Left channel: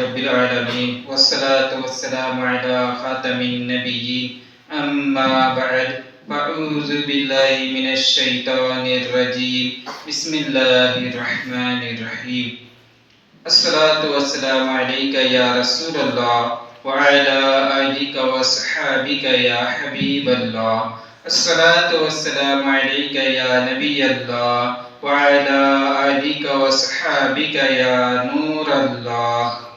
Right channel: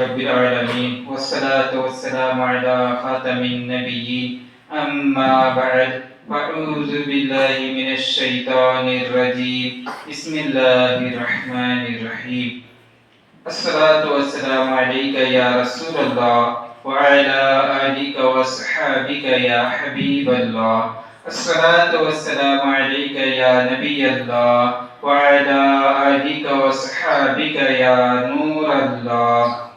رب العالمين والصلاة والسلام على خاتم النبيين أما بعد فأعوذ بالله من الشيطان الرجيم بسم الله الرحمن الرحيم الصلاة والسلام عليك يا رسول الله وعلى آلك وصحابك يا حبيب الله الصلاة والسلام عليك يا نبي الله وعلى آلك وصحابك يا نور الله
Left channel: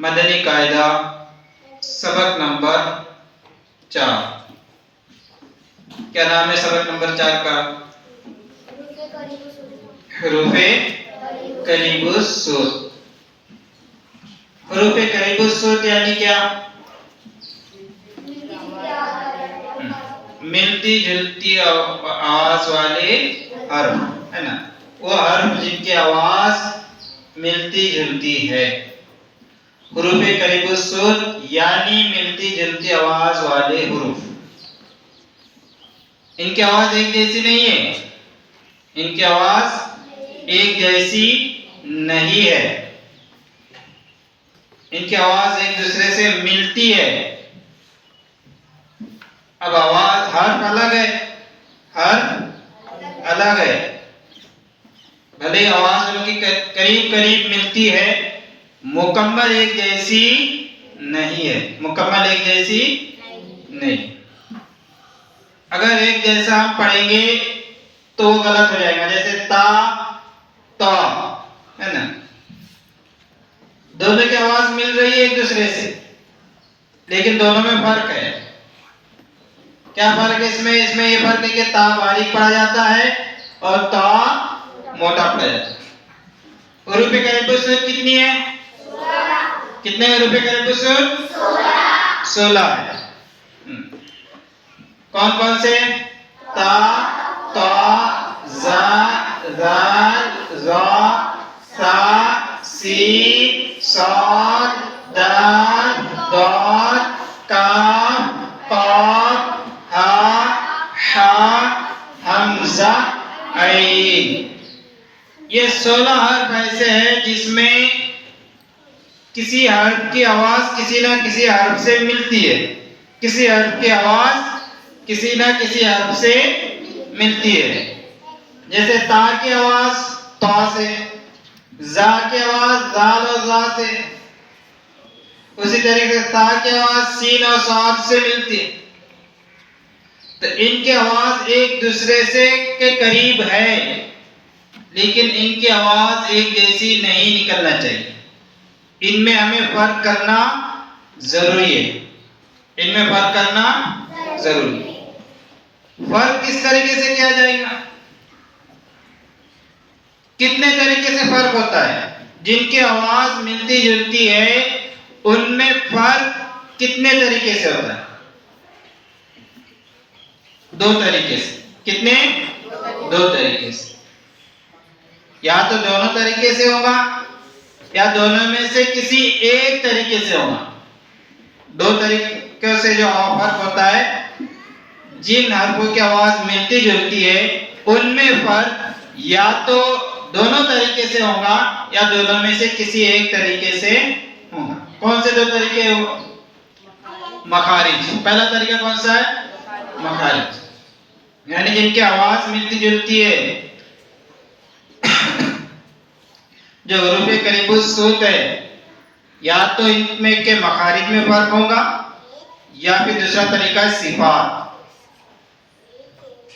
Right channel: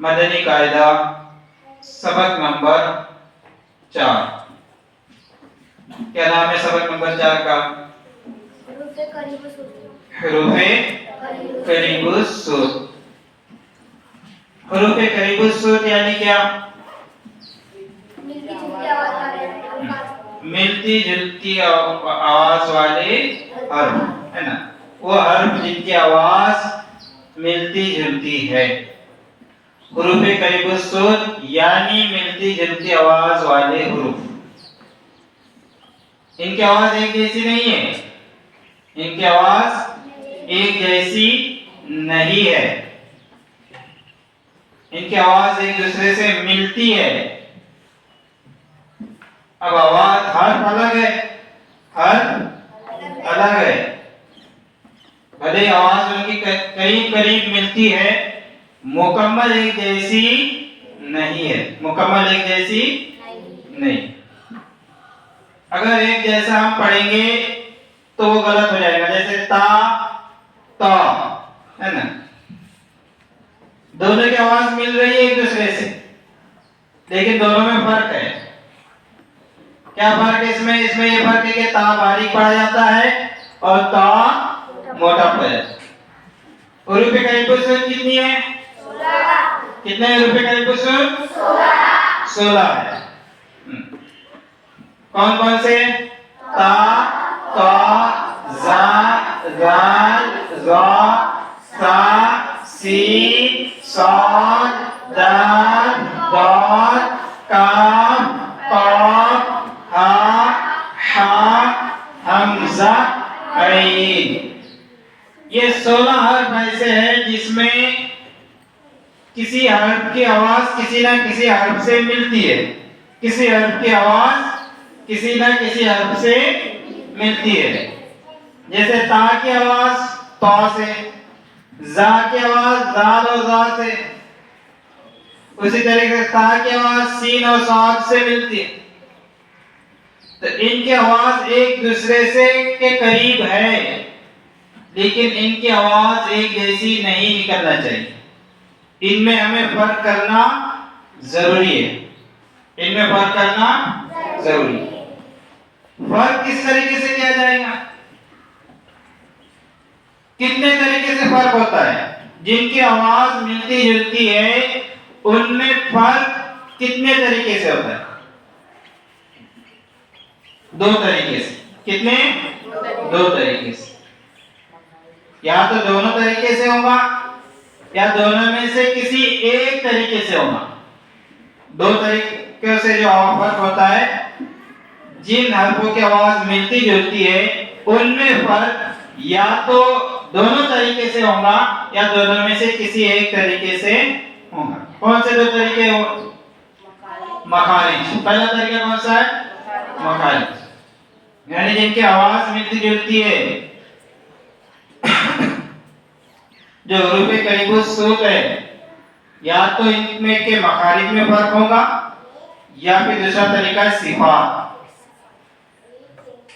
مدنی قاعدہ سبق نمبر 4. کیا نام ہے سبق نمبر 4 کا؟ حروف قریب الصوت. حروف قریب الصوت یعنی کیا؟ ملتی جلتی آواز والے حرف ہے نا، وہ حرف جن کی آواز ملتی جلتی ہے. حروف قریب الصوت یعنی ملتی جلتی آواز والے حروف. ان کی آواز ایک جیسی نہیں ہے، ان کی آواز ایک جیسی نہیں ہے، ان کی آواز ایک دوسرے سے ملتی ہے. اب آواز حرف الگ ہے، حرف الگ ہے، بھلے آواز ان کی قریب قریب ملتی ہے، مکمل ایک جیسی نہیں ہے، مکمل ایک جیسی نہیں. اگر ایک جیسا ہم پڑھیں گے تو وہ غلط ہو جائے گا. جیسے تا تا ہے نا، دونوں کی آواز مل رہی ہے ایک دوسرے سے، لیکن دونوں میں فرق ہے. کیا فرق ہے اس میں یہ فرق ہے کہ تا باریک پڑھا جاتا ہے اور تا موٹا پڑھا جاتا ہے. حروف قریب الصوت کتنی ہے؟ کتنے حروف قریب الصوت؟ 16 ہے. کون کون سے؟ تا تا زا زال زا سا سین صاد دال ضاد کاف قاف ہا حا حمزہ عین. یہ 16 حرف ایسے ہیں جس میں کسی حرف کی آواز کسی نہ کسی حرف سے ملتی ہے، کسی حرف کی آواز کسی نہ کسی حرف سے ملتی ہے. جیسے تا کی آواز تا سے، زا کی آواز زال اور زا سے، اسی طریقے سے تا کی آواز سین اور صاد سے ملتی ہے. تو ان کی آواز ایک دوسرے سے کے قریب ہے، لیکن ان کی آواز ایک جیسی نہیں نکلنا چاہیے. ان میں ہمیں فرق کرنا ضروری ہے، ان میں فرق کرنا ضروری ہے. فرق کس طریقے سے کیا جائے گا؟ کتنے طریقے سے فرق ہوتا ہے؟ جن کی آواز ملتی جلتی ہے ان میں فرق کتنے طریقے سے ہوتا ہے؟ 2 طریقے سے. کتنے؟ 2 طریقے سے. یا تو دونوں طریقے سے ہوگا یا دونوں میں سے کسی ایک طریقے سے ہوگا. 2 طریقوں سے جو فرق ہوتا ہے، جن حرفوں کی آواز ملتی جلتی ہے ان میں فرق یا تو دونوں طریقے سے ہوگا یا دونوں میں سے کسی ایک طریقے سے ہوگا. کون سے 2 طریقے ہو؟ مخارج. پہلا طریقہ کون سا ہے؟ مخارج. یعنی جن کی آواز ملتی جلتی ہے، جو حروف قریب الصوت ہے، یا تو ان میں کے مخارج میں فرق ہوگا یا پھر دوسرا طریقہ ہے صفات.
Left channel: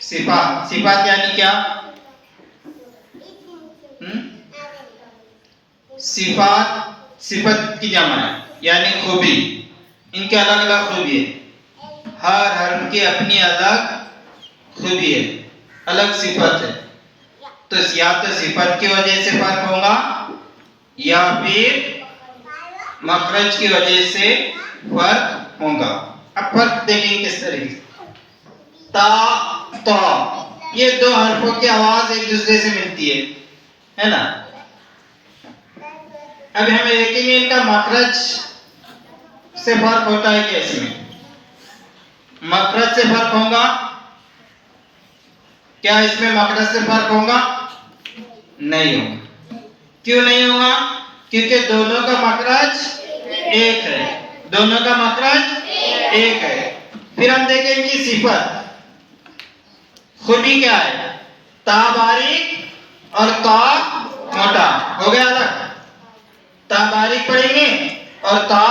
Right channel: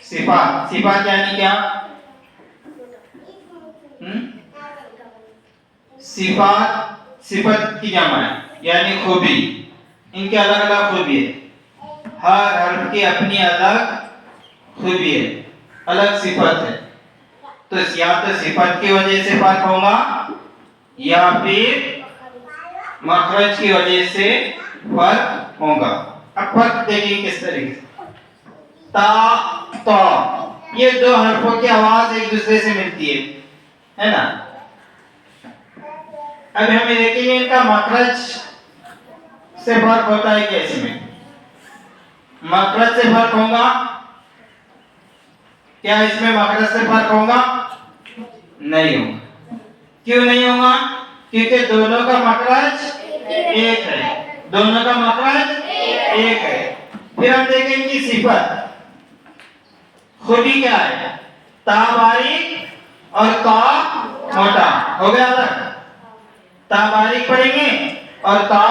صفات یعنی کیا؟ صفت کی جمع ہے یعنی خوبی. ان کے الگ الگ خوبی ہے، ہر حرف کی اپنی الگ خوبی ہے، الگ صفت ہے. تو یا تو صفت کی وجہ سے فرق ہوگا یا پھر مخرج کی وجہ سے فرق ہوگا. اب فرق دیکھیں کس طریقے سے. تا تا یہ 2 حرفوں کی آواز ایک دوسرے سے ملتی ہے نا. اب ہمیں دیکھیں گے ان کا مخرج سے فرق ہوتا ہے کیسے میں. مخرج سے فرق ہوگا. کیا اس میں مخرج سے فرق ہوگا؟ نہیں ہوگا. کیوں نہیں ہوگا؟ کیونکہ دونوں کا مخرج ایک ہے، دونوں کا مخرج ایک ہے۔ پھر ہم دیکھیں ان کی صفت خودی کیا ہے، تا باریک اور تا موٹا، ہو گیا الگ، تا باریک پڑھیں گے اور تا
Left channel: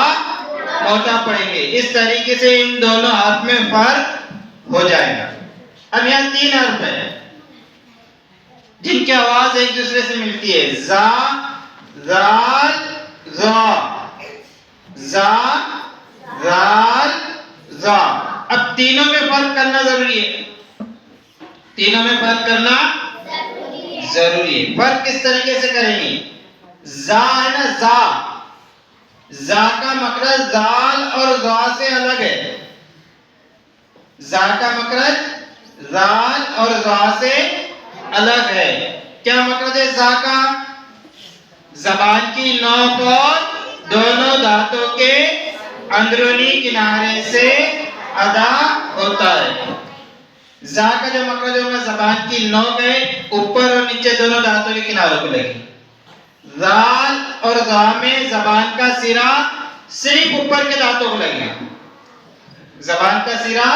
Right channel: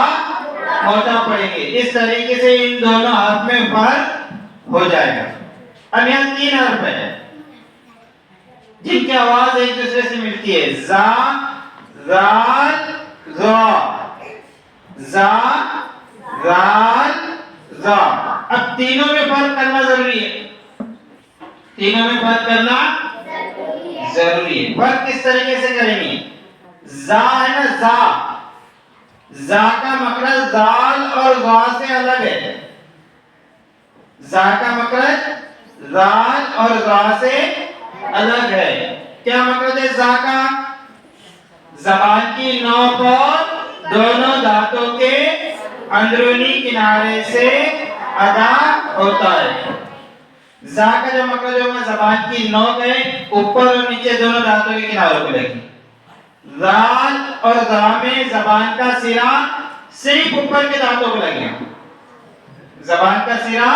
موٹا پڑھیں گے، اس طریقے سے ان دونوں حرف میں فرق ہو جائے گا۔ اب یہاں 3 حرف ہے جن کی آواز ایک دوسرے سے ملتی ہے، زا، زال، زا، زا، زال، زا۔ اب تینوں میں فرق کرنا ضروری ہے، تینوں میں فرق کرنا ضروری ہے۔ فرق کس طریقے سے کریں گے، زا ہے نا، زا، زا کا مخرج زال اور زا سے الگ ہے، زا کا مخرج زال اور زا سے الگ ہے۔ کیا مخرج ہے زا کا، زبان کی نوک اور دونوں دانتوں کے اندرونی کنارے سے ادا ہوتا ہے۔ زا کا جو مخرج ہوگا زبان کی نوک ہے، اوپر اور نیچے دونوں دانتوں کے کناروں پہ لگی۔ زال اور زا میں زبان کا سرا صرف اوپر کے دانتوں کو لگے گا، زبان کا سرا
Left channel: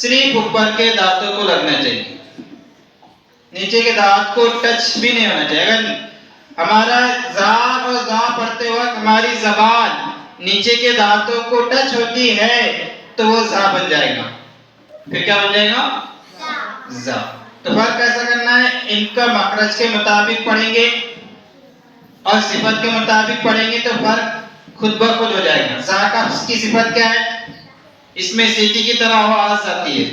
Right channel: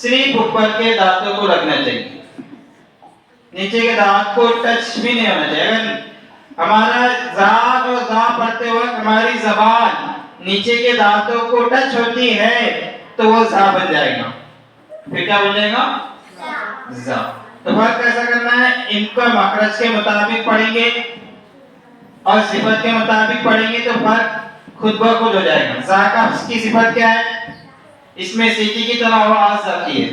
صرف اوپر کے دانتوں کو لگنا چاہیے، نیچے کے دانت کو ٹچ بھی نہیں ہونا چاہیے۔ اگر ہمارا زال اور زا پڑھتے وقت ہماری زبان نیچے کے دانتوں کو ٹچ ہوتی ہے تو وہ زا بن جائے گا، پھر کیا بن جائے گا، زا۔ تو فرق کیسا کرنا ہے، ان کا مخرج کے مطابق پڑھیں گے اور صفت کے مطابق پڑھیں گے تو فرق خود بخود ہو جائے گا۔ زا کا اس کی صفت کیا ہے، اس میں سیٹی کی طرح آواز آتی ہے،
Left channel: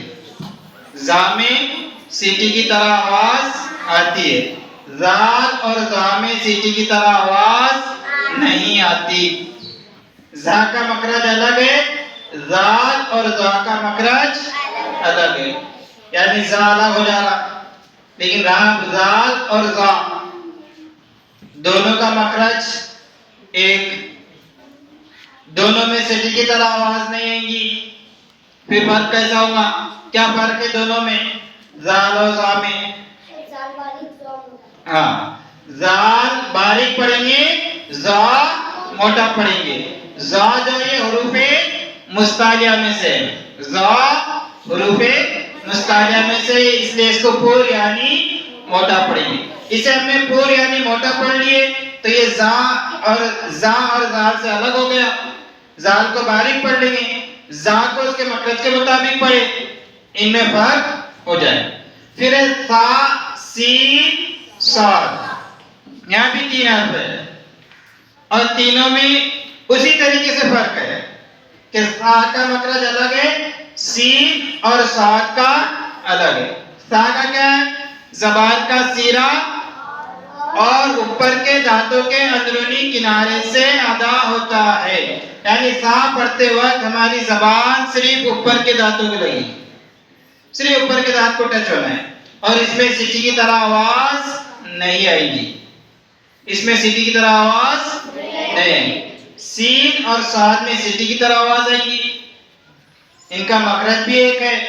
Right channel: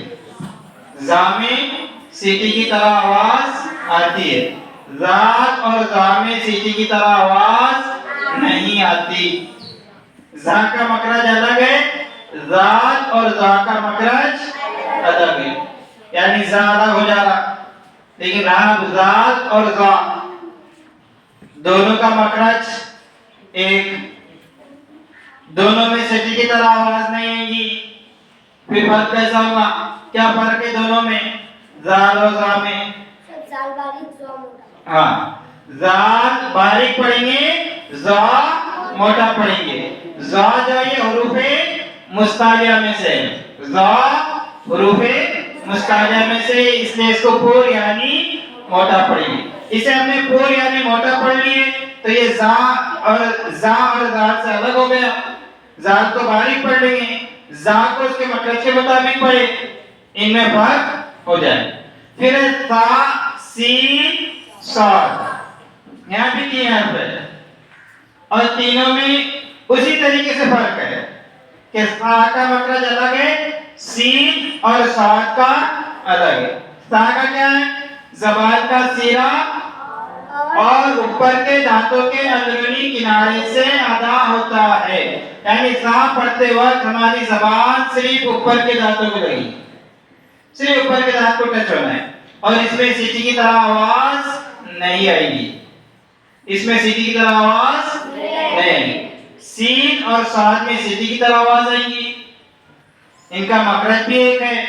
زا میں سیٹی کی طرح آواز آتی ہے، زال اور زا میں سیٹی کی طرح آواز نہیں آتی۔ زا کا مخرج الگ ہے، زال اور زا کا مخرج الگ ہے، یعنی زا الگ ہو جا رہا، لیکن رہا زال اور زا دونوں کا مخرج ایک، دونوں میں سیٹی کی طرح آواز نہیں آئے گی۔ پھر فرق کیسا ہوگا، کیا فرق ہے دونوں میں، زال اور زا میں، زال باریک زا موٹا، ہاں، زال باریک پڑھیں گے، زا موٹا پڑھیں گے۔ زا جو یہ حروف مستعلیہ میں سے، زا حروف مستعلیہ میں سے، اس لیے اس کو پور یعنی موٹا پڑھیں گے۔ اسے ہم نے پور یعنی موٹا پڑھ لیے تو یہ زا اور زال سے الگ ہو گیا، زال کو باریک پڑھ لیں گے، زا کو اس کے مخرج کے مطابق پڑھے، ان میں فرق ہو جائے۔ پھر سا، سین، صاد، یہاں بھی 3 حرف ہے اور تینوں میں اسی طریقے سے فرق ہے کہ سا کا مخرج الگ ہے، سین اور صاد کا الگ ہے۔ سا کا کیا ہے، زبان کا سیرا اور اوپر کے دانتوں کے اندرونی کنارے سے ادا ہوتا ہے، یعنی سا پڑھتے وقت ہماری زبان صرف اوپر کے دانتوں کو لگی، صرف اوپر کے دانت کو ٹچ ہونا ہے، اور اس میں سیٹی کی طرح آواز نہیں آئے گی، اس میں سیٹی کی طرح آواز نہیں آئے گی۔ سین اور صاد میں سیٹی کی طرح آواز آئے گی، ان کا مخرج بھی ایک ہے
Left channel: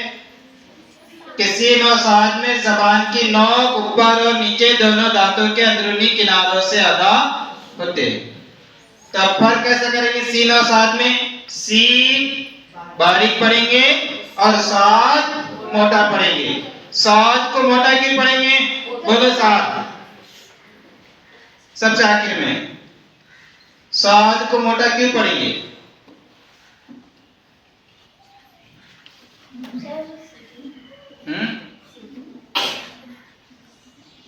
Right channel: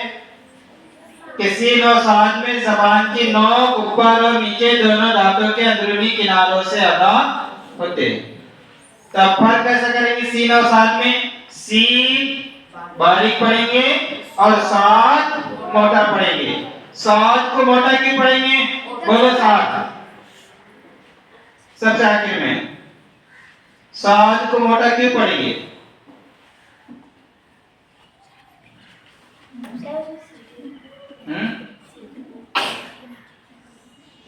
کہ سین اور صاد میں زبان کی نوک اوپر اور نیچے دونوں دانتوں کے اندرونی کناروں سے ادا ہوتے ہیں۔ تو اب فرق کیسا کریں گے، سین اور صاد میں، سین باریک پڑھیں گے اور صاد موٹا پڑھیں گے۔ صاد کو موٹا کیوں پڑھیں گے، بولو صاد، سب سے آخر میں صاد کو موٹا کیوں پڑھیں گے،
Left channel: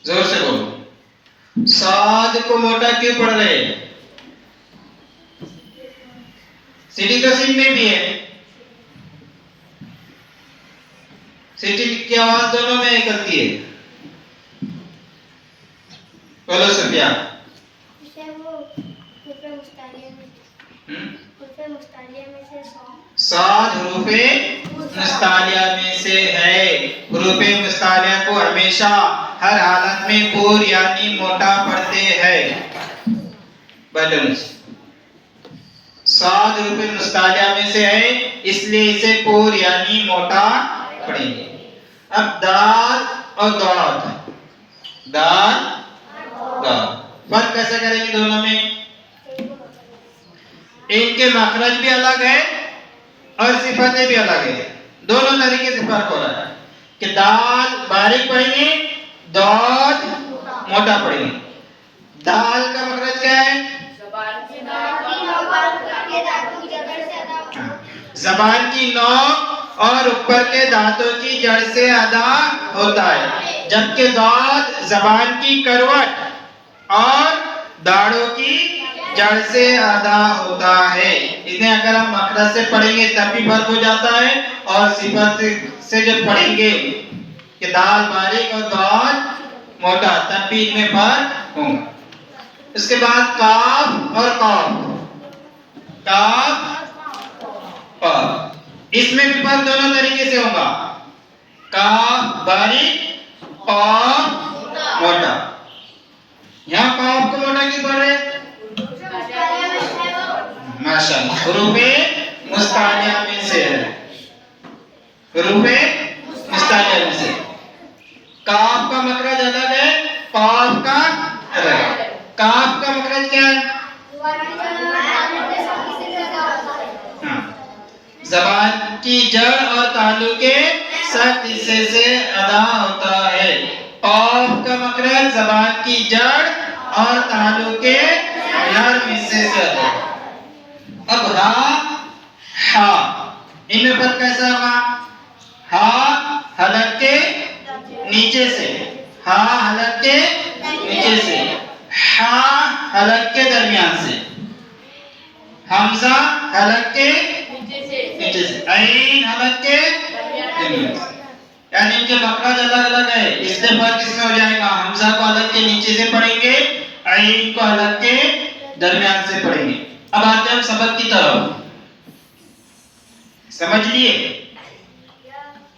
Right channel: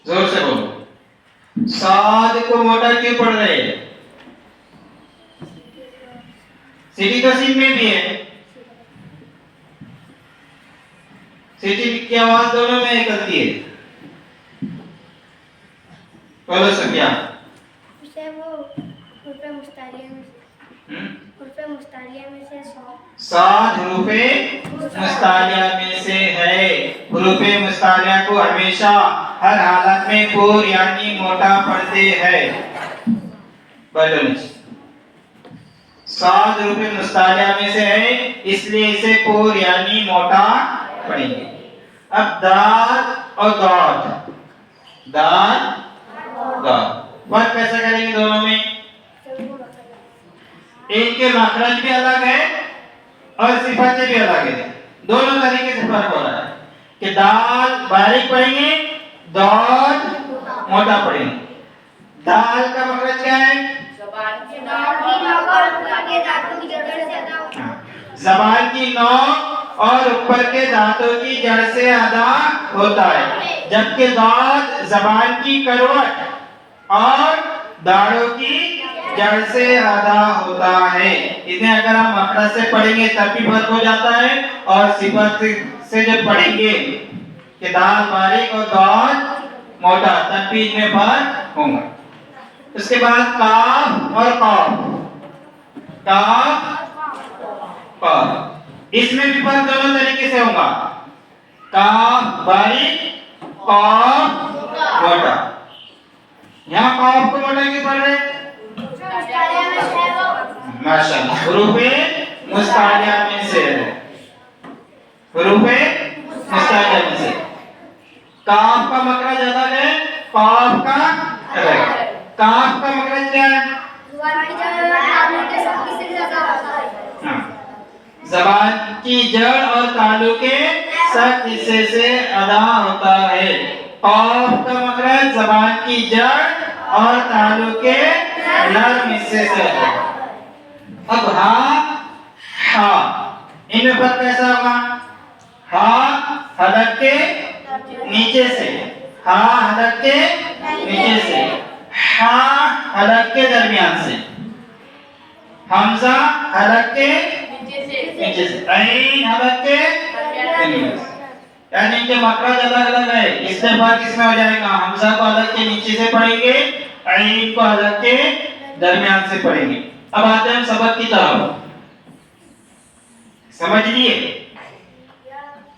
زور سے بولو، صاد کو موٹا کیوں پڑھ رہے ہیں، سیٹی تو سین میں بھی ہے، سیٹی کی آواز دونوں میں نکلتی ہے، بولو سفیا، اسے وہ حروف مستعلیہ میں سے، حروف مستعلیہ میں سے صاد حروف مستعلیہ میں سے ہے۔ حروف مستعلیہ کو ہمیشہ ہر حالت میں پور یعنی موٹا پڑھتے ہیں، بیلنس۔ صاد حروف مستعلیہ میں سے ہے اس لیے اسے پور یعنی موٹا پڑھیں گے۔ اب دال اور داد، دال داد، فرق کیسا کریں گے دونوں میں، ان کے مخرج بھی الگ ہے اور صفتیں بھی الگ ہے. دونوں طریقے سے فرق ہو رہا ہے کہ دال باریک پڑھیں گے، دال موٹا پڑھیں گے. دال کا مخرج کیا ہے؟ زبان کی نوک اور اوپر کے دانتوں کی جڑ سے ادا ہوتا ہے، جبکہ دال زبان کی کروٹ اور داڑھوں کی جڑ سے ادا ہوتا ہے. انہیں اگر ہم مخرج سے پڑھیں گے تب بھی فرق ہو جاتا ہے، اور صفت سے جب پڑھیں گے کہ دال باریک اور دال موٹا تب بھی ان میں فرق ہوگا. اس کے بعد کاف اور قاف. کاف قاف اس میں بھی فرق دونوں طریقے سے ہوگا. کاف باریک، قاف موٹا. یہاں قاف کو موٹا کیوں پڑھ رہے؟ ماشاءاللہ حروف مستعلیہ میں سے ہے. حروف مستعلیہ میں سے کاف کا مخرج الگ ہے، قاف کا الگ ہے. کاف کا مخرج کیا ہے؟ زبان کی جڑ اور تالو کے سخت حصے سے ادا ہوتا ہے. قاف کا مخرج زبان کی جڑ اور تالو کے نرم حصے سے ادا ہوتا ہے. اب ہا ہا ان میں فرق کیسا ہوگا؟ ہا حلق کے نیچے سے، ہا حلق کے نیچے سے، ہا حلق کے درمیان سے، حمزہ حلق کے نیچے سے، عین حلق کے درمیان سے. یعنی ان کے مخرج الگ الگ ہے. اس سے فرق اس میں ہو جائے گا. حمزہ کو حلق کے نیچے سے پڑھیں گے، عین کو حلق کے درمیان سے پڑھیں گے. اب آتے ہیں ہم سبق کی طرف. سمجھ لیے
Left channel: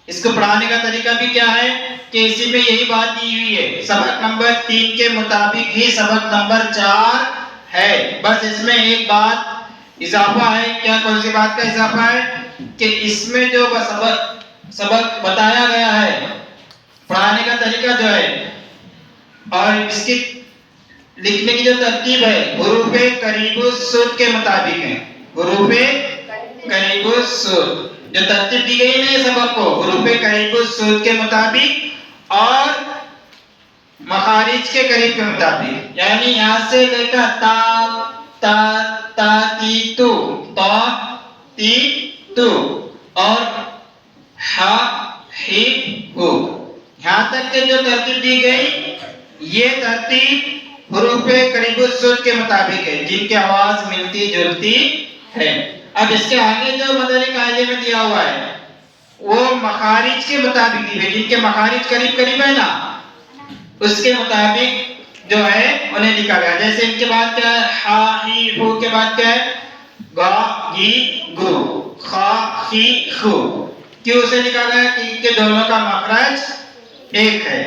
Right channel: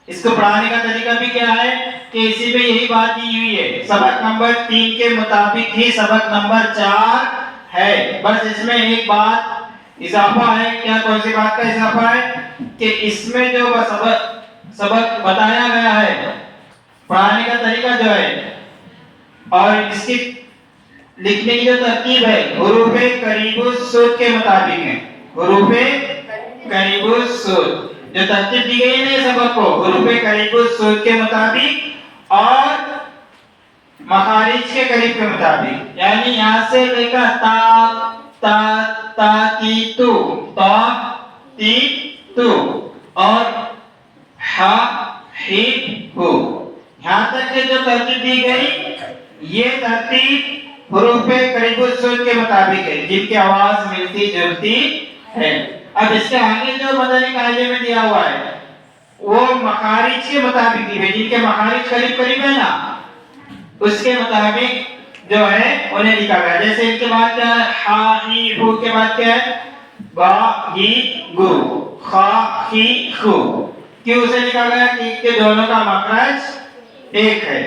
اس کو پڑھانے کا طریقہ بھی کیا ہے کہ اسی میں یہی بات دی ہوئی ہے. سبق نمبر 3 کے مطابق ہی سبق نمبر 4 ہے. بس اس میں ایک بات اضافہ ہے. کیا کون سی بات کا اضافہ ہے؟ کہ اس میں جو سبق بتایا گیا ہے، پڑھانے کا طریقہ جو ہے اور اس کی لکھنے کی جو ترتیب ہے، حروف قریب الصوت کے مطابق ہے. حروف قریب الصوت جو ترتیب دی گئی ہے نا سبق کو، حروف قریب الصوت کے مطابق اور مخارج کے قریب کے مطابق. یعنی یہاں سے لے کر تا تا تا تی تو، تا تی تو اور ہا ہی ہو، یہاں تک کہ جو ترتیب دی گئی یہ ترتیب حروف قریب الصوت کے مطابق ہے، جن کی آواز ملتی جلتی ہے. اب اس کے آگے جو مدنی قاعدے میں دیا ہوا ہے وہ مخارج کے مطابق دی ہے، جن کے مخارج قریب قریب ہے نا اس کے مطابق جو ہے انہیں لکھا گیا. جیسے ان کے بعد کیا ہے؟ ہا ہی ہو کے بعد کیا ہے؟ گا گی گو، خا خی خو. کیوں اسے لکھا گیا؟ کہ دونوں کا مخرج ایک ہے.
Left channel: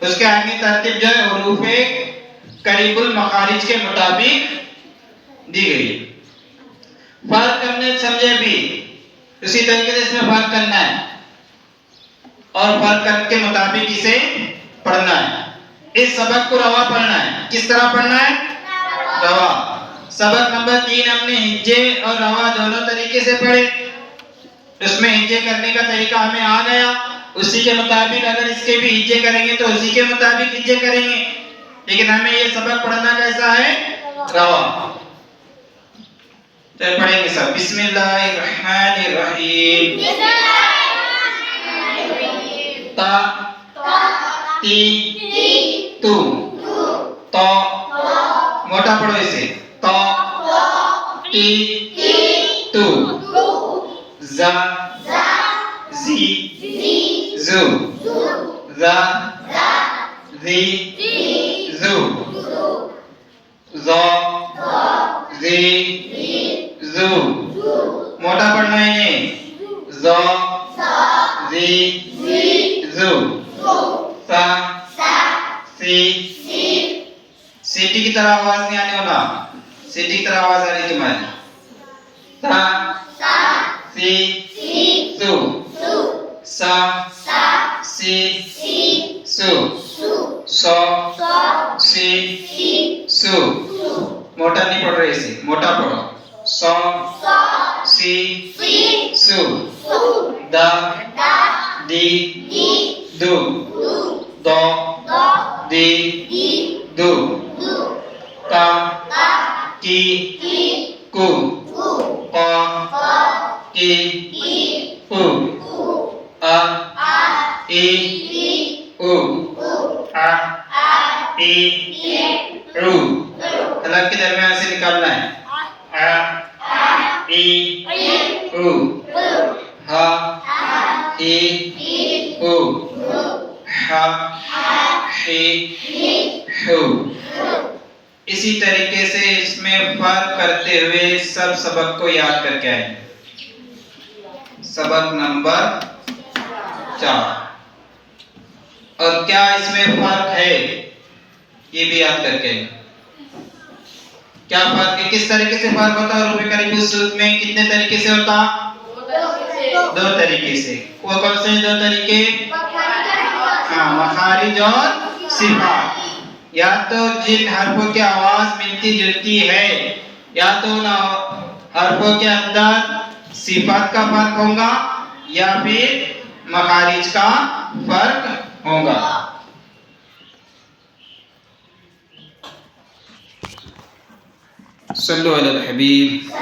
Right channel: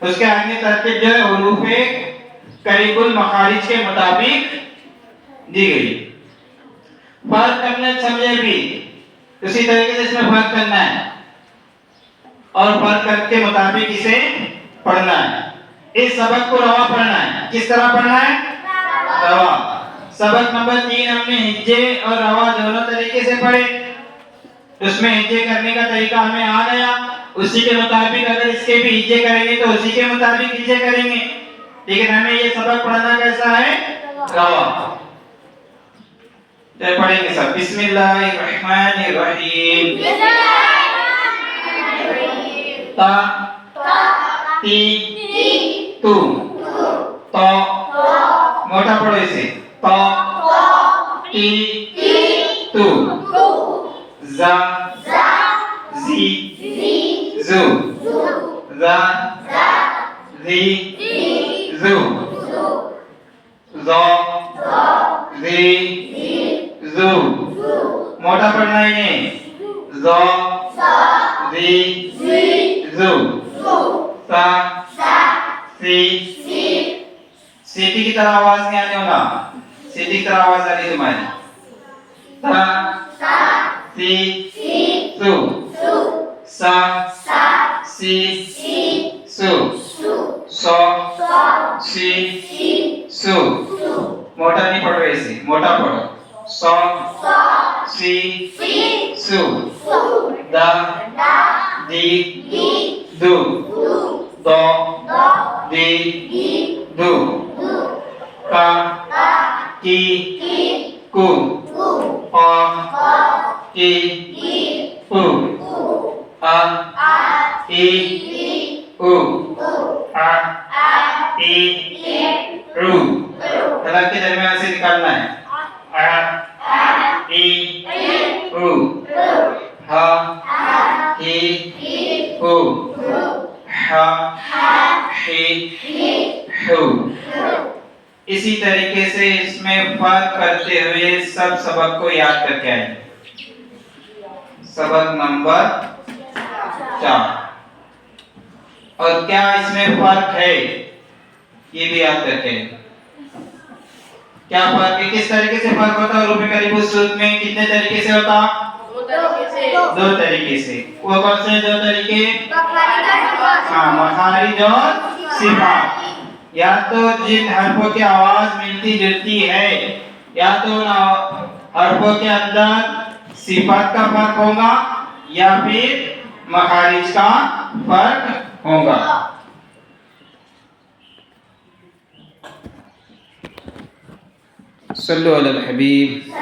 اس کے آگے ترتیب جو ہے حروف قریب المخارج کے مطابق دی گئی. فرق کرنے سمجھے بھی اسی طریقے سے اس میں فرق کرنا ہے اور فرق کر کے مطابق اسے پڑھنا ہے. اس سبق کو روا پڑھنا ہے. کس طرح پڑھنا ہے؟ روا. سبق نمبر 3 ہم نے ہجے اور روا دونوں طریقے سے پڑھے. اس میں ہجے کرنے کا طریقہ ہمیں آ گیا. اسی کے مطابق اگر اس کے بھی ہجے کریں گے تو اسی کے مطابق ہجے کریں گے. لیکن ہمیں یہ سبق پڑھنا کیسا ہے؟ روا. تو پڑھیں گے سب. بسم اللہ الرحمن الرحیم. تا تی تو، تو موٹا پڑھو اسے. تو تی تو، زا زی زو، زا زی زو، زو زی زو. موٹا پڑھنا ہے. زو زی زو، سا سی. سیٹی کی طرح آواز نہیں آنے والا. سیٹی کی طرح آواز آ رہی تمہاری. سا سی سو، سا سی سو، سو سی سو. موٹا نہیں پڑھ رہے اسے موٹا پڑھو سو سی سو دا دی دو دو دی دو کا کی کو قا کی او آ ای او آ ای او طلب کے درمیان سے نکالنا ہے آ ای او ہا ای او ہا ہی ہو اسی طریقے سے اس میں فرق کرتے ہوئے سب سبق کو یاد کر کے آئیں سبق نمبر 4 اور کیا اس میں فرق ہے یہ بھی یاد کر کے کیا فرق ہے کس طریقے سے فرق ہوتا ہے حروف قریب الصوت میں کتنے طریقے سے ہوتا دو طریقے سے وہ کون سے دو طریقے مخارج اور صفات یا تو جن حرفوں کی آواز ملتی جلتی ہے یا تو ان حرفوں کے اندر صفات کا فرق ہوگا یا پھر مخارج کا فرق ہوگا صلو علی الحبیب